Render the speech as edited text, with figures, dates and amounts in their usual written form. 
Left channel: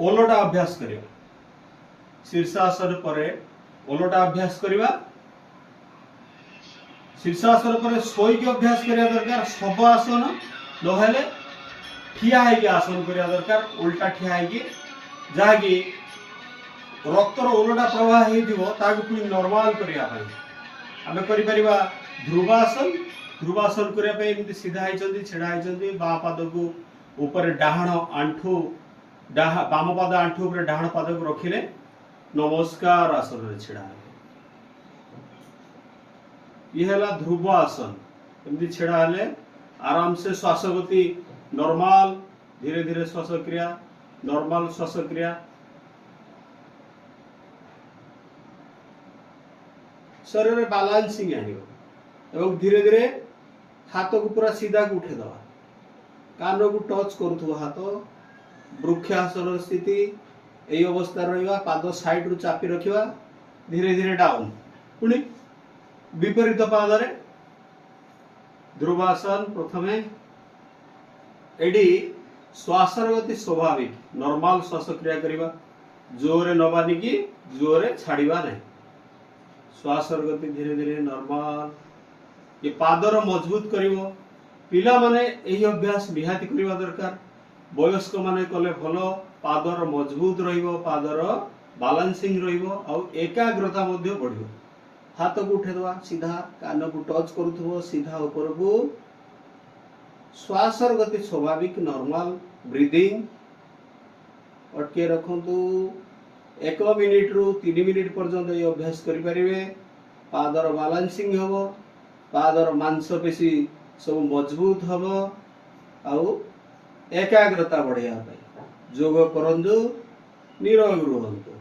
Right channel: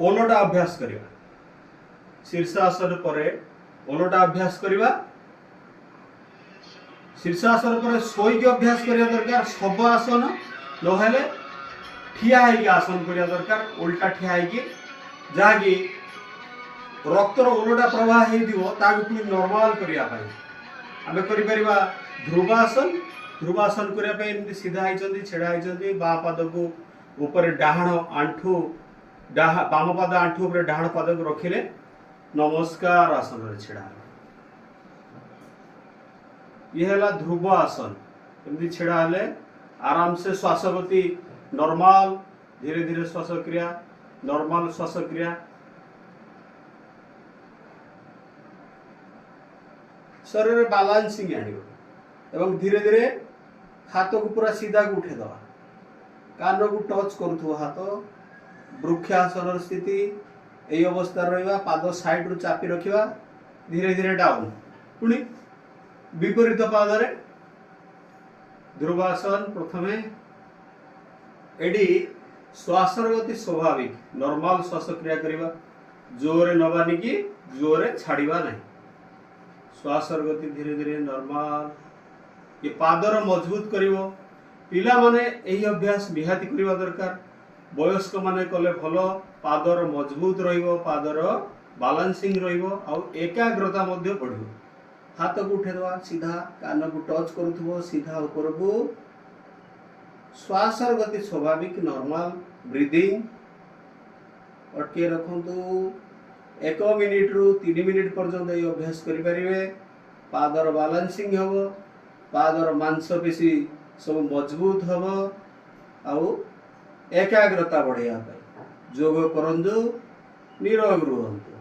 ओलटा अभ्यास करिया शीर्षासन पर ओलटा अभ्यास करिवा शीर्षासन पर शोईक अभ्यास करिया दरकार सब आसन नहेले ठिया है आसन करिया दरकार उल्टा ठिया है जहाँकि रक्तर ओलटा प्रवाह हो नॉर्मल करिया पाई आमे करि परिबा ध्रुवासन ध्रुवासन करिया पाई एमती सीधा होइचंदी छेड़ा होइचंदी बा पाद को ऊपर डाहाण आंठू बाम पाद आंठू ऊपर डाहाण पाद को रखिले नमस्कार आसन रे छेड़ा ये हला ध्रुव आसन एमती छेड़ा हले आराम से श्वास गति नॉर्मल धीरे धीरे श्वास क्रिया नॉर्मल श्वास क्रिया शरीर में बैलेंसिंग एवं धीरे धीरे हाथ को पूरा सीधा को उठे दवा कान को टच करूथो हाथ वृक्षासन स्थिति यही अवस्था रहा पाद साइड रु चापी रखिवा धीरे धीरे डाउन पुणी विपरीत पादरे ध्रुवासन प्रथमे एडी श्वास गति स्वाभाविक नॉर्मल श्वास क्रिया करिवा जोरे नबानी की जोरे छाड़िबा नहीं श्वास गति धीरे धीरे नॉर्मल ये पादर मजबूत करिवो पिला माने एही अभ्यास निहाती करिवा दरकार वयस्क माने कले भलो पादर मजबूत रहिवो पादर बैलेंसिंग रहिवो आ एकाग्रता मध्य बढ़िवो हाथ को उठे दवा सीधा कान को टच करूथबो सीधा ऊपर को श्वास गति स्वाभाविक नॉर्मल ब्रीदिंग अटके रखंतु 1 मिनिट रु 3 मिनिट पर्यंत ये अभ्यास करें पादर बैलेंसिंग हम पादर मांसपेशी सब मजबूत हम आउ एकाग्रता बढ़ाया योग करंतु निरोग रुहंतु।